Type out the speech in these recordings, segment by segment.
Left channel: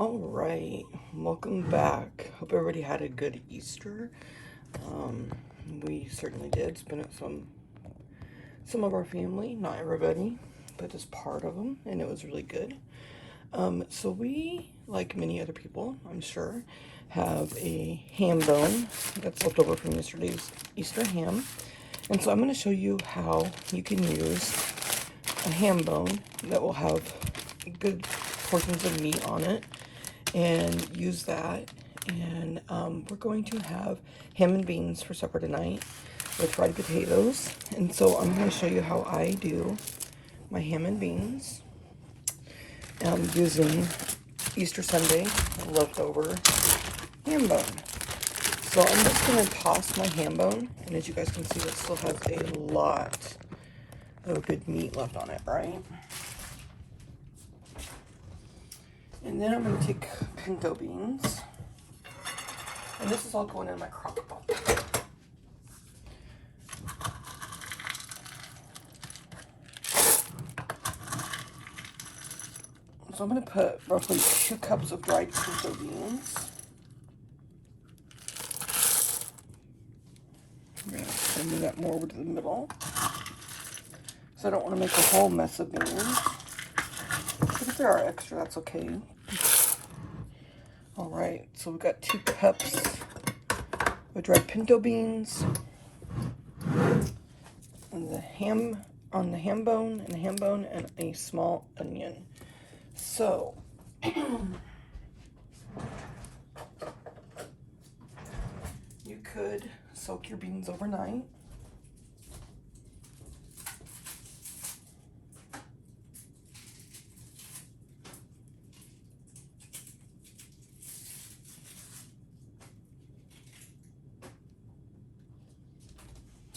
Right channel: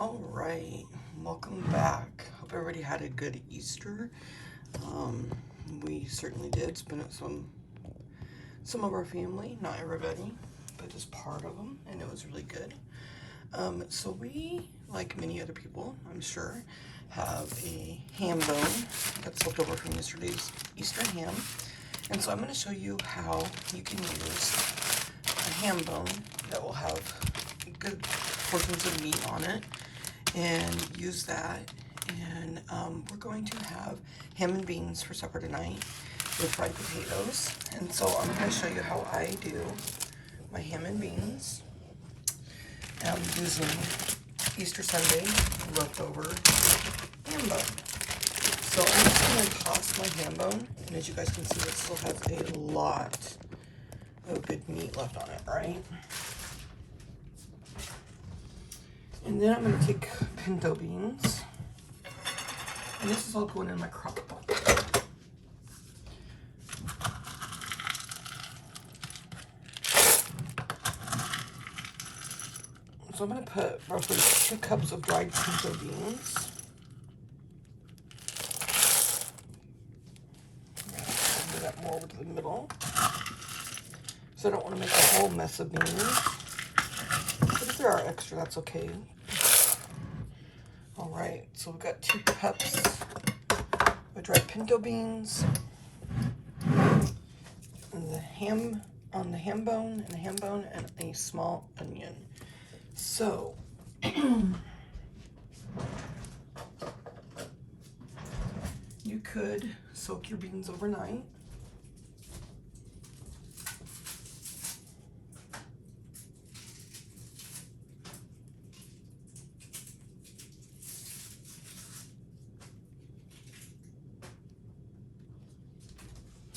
All right, welcome back. Hope everybody had a good Easter. We certainly did. Spend it with some of our family, not everybody, but just part of them, and it was really good. So we, like many other people, I'm sure, have a ham bone that's left over from yesterday's Easter ham. And so I'm going to show you how you can use a ham bone that will have good portions of meat on it and use that. And we're going to have ham and beans for supper tonight with fried potatoes. And so I'm going to show you how I do my ham and beans using Easter Sunday leftover ham bone. So I'm just going to toss my ham bone, and as you guys can see, it still has a lot of good meat left on it, right? And then I'm going to take pinto beans, and this is all going in my crock pot. So I'm going to put roughly 2 cups of dried pinto beans. Move that more over to the middle. So I don't want to make a whole mess of beans. But if there are extra, that's okay. Alright, so we've got 2 cups of dried pinto beans. And the ham on the ham bone, and a small onion. So you could soak your beans overnight.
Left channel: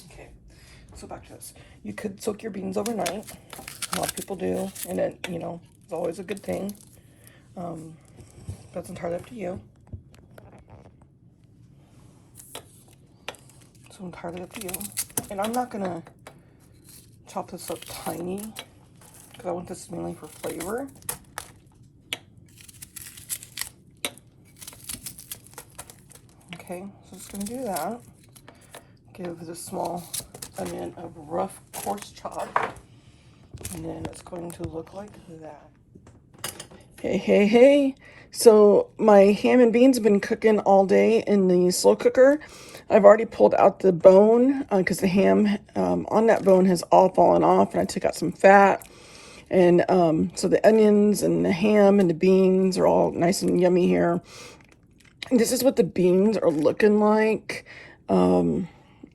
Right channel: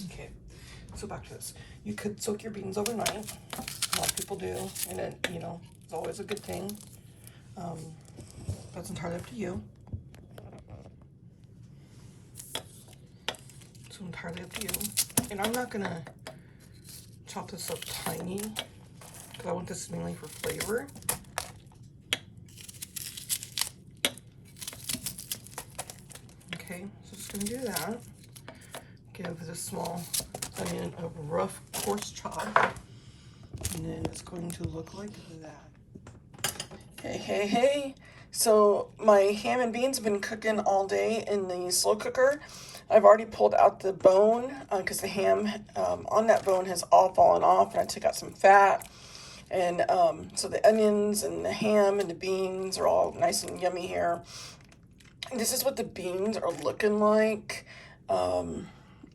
Okay, so back to this. You could soak your beans overnight. A lot of people do, and it, it's always a good thing. That's entirely up to you. It's entirely up to you. And I'm not gonna chop this up tiny because I want this mainly for flavor. Okay, so just gonna do that. Give this small onion a rough, coarse chop. And then it's going to look like that. Hey. So my ham and beans have been cooking all day in the slow cooker. I've already pulled out the bone because the ham on that bone has all fallen off, and I took out some fat. And so the onions and the ham and the beans are all nice and yummy here. And this is what the beans are looking like.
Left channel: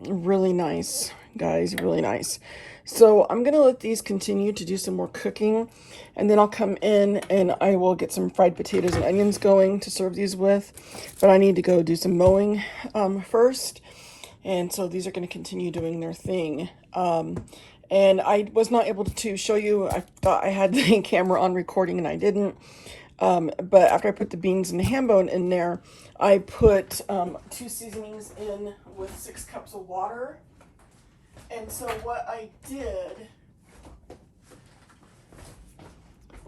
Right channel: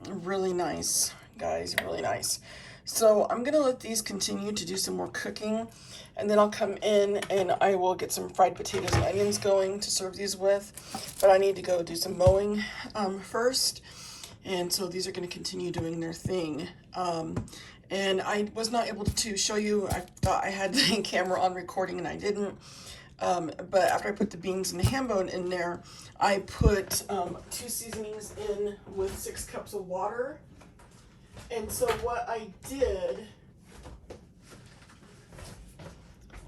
Really nice, guys, really nice. So I'm gonna let these continue to do some more cooking, and then I'll come in and I will get some fried potatoes and onions going to serve these with. But I need to go do some mowing first, and so these are gonna continue doing their thing. And I was not able to show you. I thought I had the camera on recording and I didn't. But after I put the beans and the ham bone in there, I put 2 seasonings in with 6 cups of water. And so what I did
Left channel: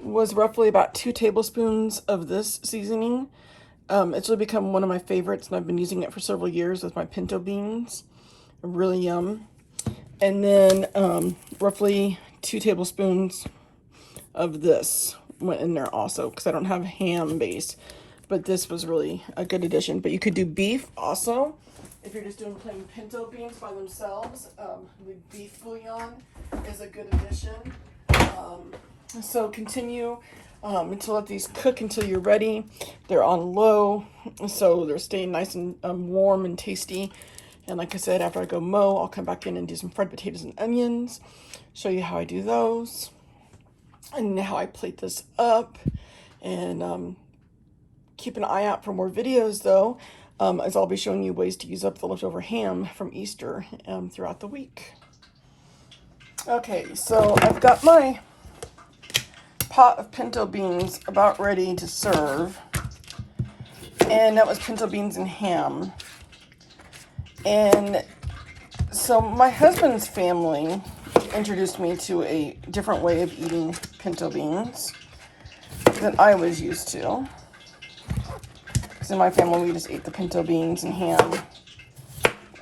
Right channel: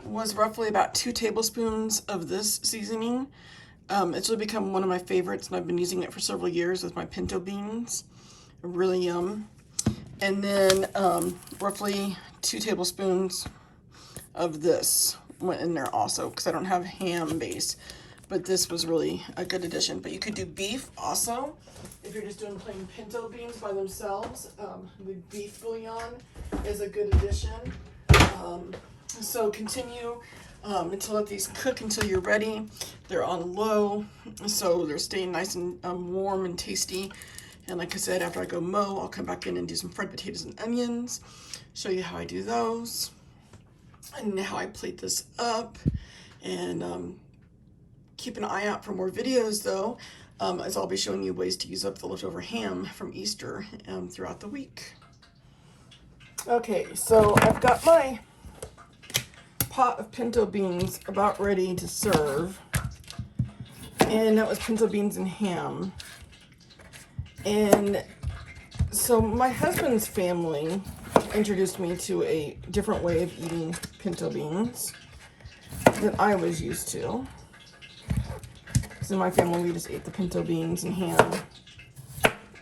was roughly about 2 tablespoons of this seasoning. It's really become one of my favorites, and I've been using it for several years with my pinto beans. Really yum. And then roughly 2 tablespoons of this went in there also, because I don't have ham base. But this was really a good addition. But you could do beef also. If you're just doing plain pinto beans by themselves, the beef bouillon is a good addition. So continue to let these cook until you're ready. They're on low, so they're staying nice and warm and tasty. And like I said, after I go mow, I'll come back in and do some fried potatoes and onions, show you how I do those, and how I plate this up. And keep an eye out for more videos, though, as I'll be showing you ways to use up the leftover ham from Easter throughout the week. Okay, so I've got my pot of pinto beans about ready to serve. And that was pinto beans and ham. And so my husband's family introduced me to a different way of eating pinto beans than I was used to. Because in my family, we just ate the pinto beans and ham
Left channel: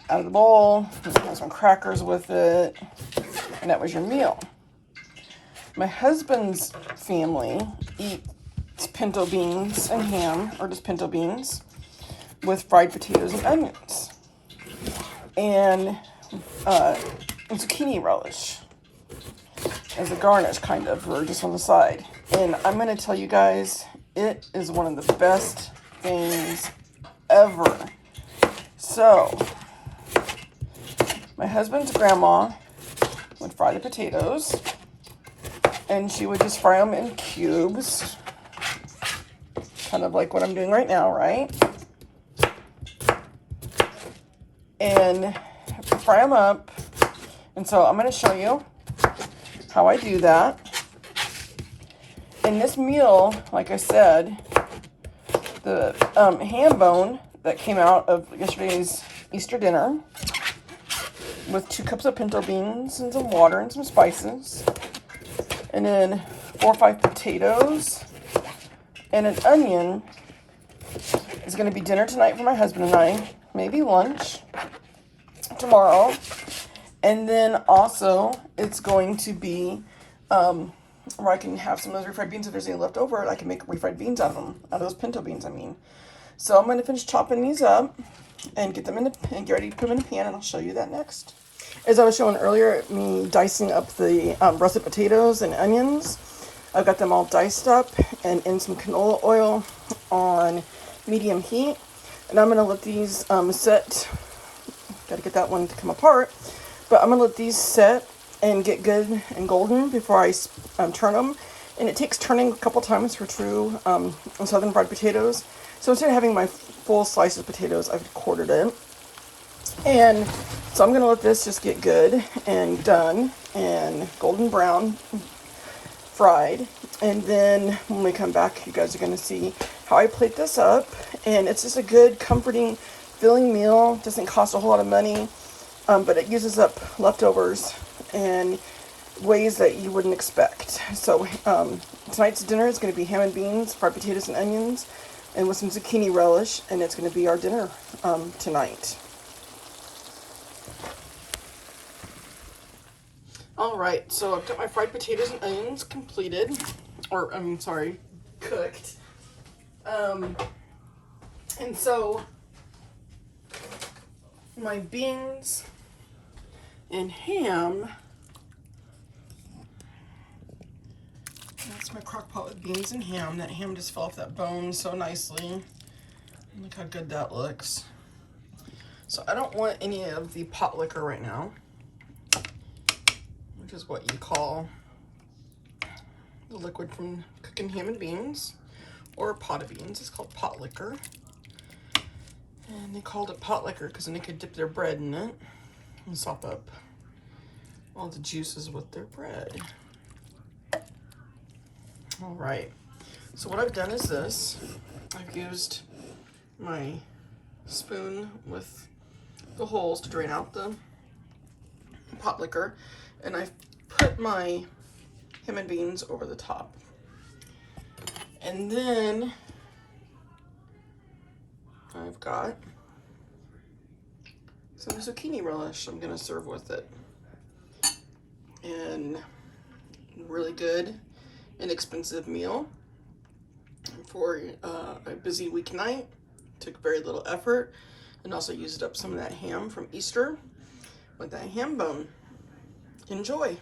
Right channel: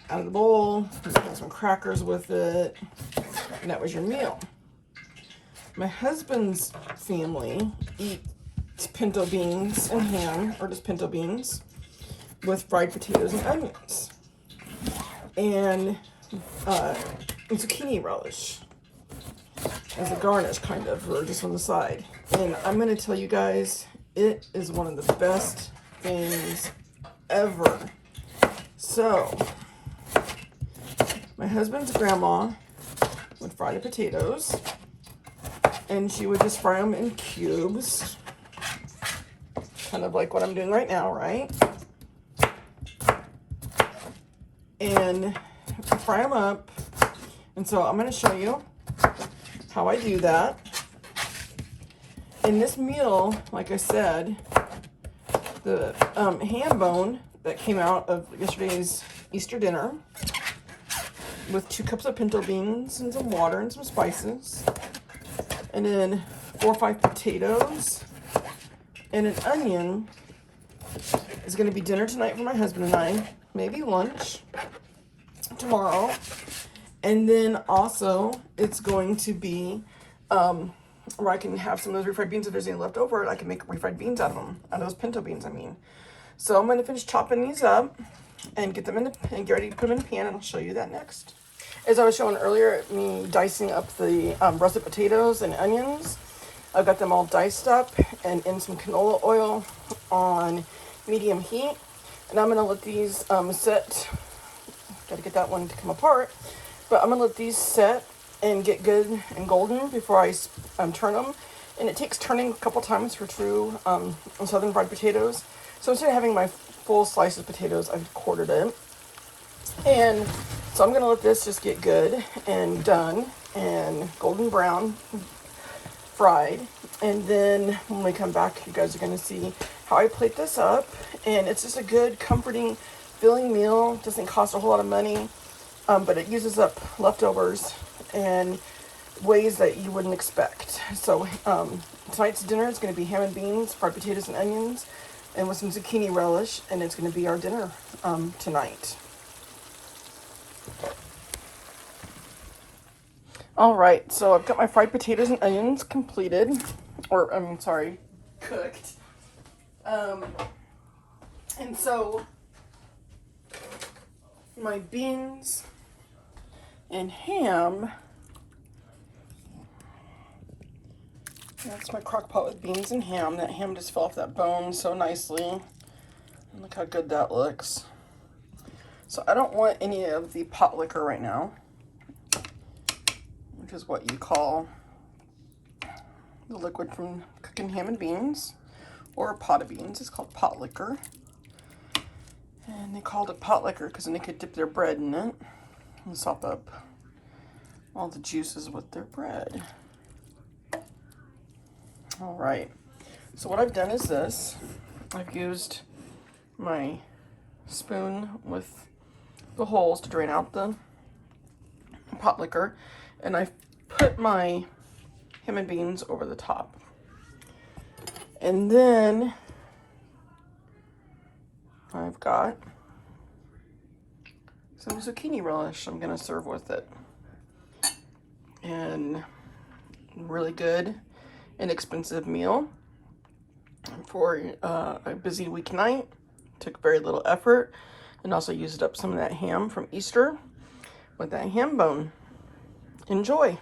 out of the bowl. You got some crackers with it, and that was your meal. My husband's family eats pinto beans and ham, or just pinto beans, with fried potatoes and onions. And zucchini relish as a garnish, kind of, or just on the side. And I'm going to tell you guys, it is one of the best things ever. So, my husband's grandma would fry the potatoes, and she would just fry them in cubes, kind of like what I'm doing right now, right? And fry them up. And so I'm going to show you how I do that. In this meal, like I said, the ham bone that came out of yesterday's Easter dinner with 2 cups of pinto beans and some water and some spices, and then 4 or 5 potatoes and an onion is going to be dinner tonight for my husband and I, maybe lunch tomorrow. And then also it's going to be where I can have some of those refried beans. If there's any left over, I can make refried beans out of them, out of those pinto beans, I mean. So I'm going to finish chopping these up and get them in and get ready to put them in a pan, and I'll show you that next. As I was showing earlier, me dicing up the russet potatoes and onions, I've got them all diced up and in some canola oil on medium heat. And I'm going to let these set. Gotta get that one to come apart. But I'm going to let these set and get good and golden before I turn them. And it takes turning a couple times for true southern fried potatoes. So instead of having my full slice of potatoes, I've quartered it. And so I'm going to let this just get good and done and golden brown fried. And then when we come back, you guys are going to see how I plate this up. And it's just a good, comforting, filling meal. Doesn't cost a whole lot of money, but it uses up leftovers and ways that you wouldn't expect. So tonight's dinner is going to be ham and beans, fried potatoes and onions, and with some zucchini relish, and it's going to be our dinner tonight. Alright, so I've got my fried potatoes and onions completed, or cooked. And so my beans and ham, that's my crock pot with beans and ham. That ham just fell off that bone so nicely. Look how good that looks. So I don't want any of the pot liquor right now, which is what you call the liquid from cooking ham and beans, or a pot of beans. It's called pot liquor. And they called it pot liquor because then they could dip their bread in it and sop up all the juices with their bread. All right, so what I've done is this. I've used my spoon with the holes to drain out the pot liquor, and I've put my ham and beans over the top. And then I've got some zucchini relish I'm gonna serve with it. And really good, inexpensive meal for a busy weeknight. Took very little effort, and also used up some of that ham from Easter with that ham bone. Enjoy.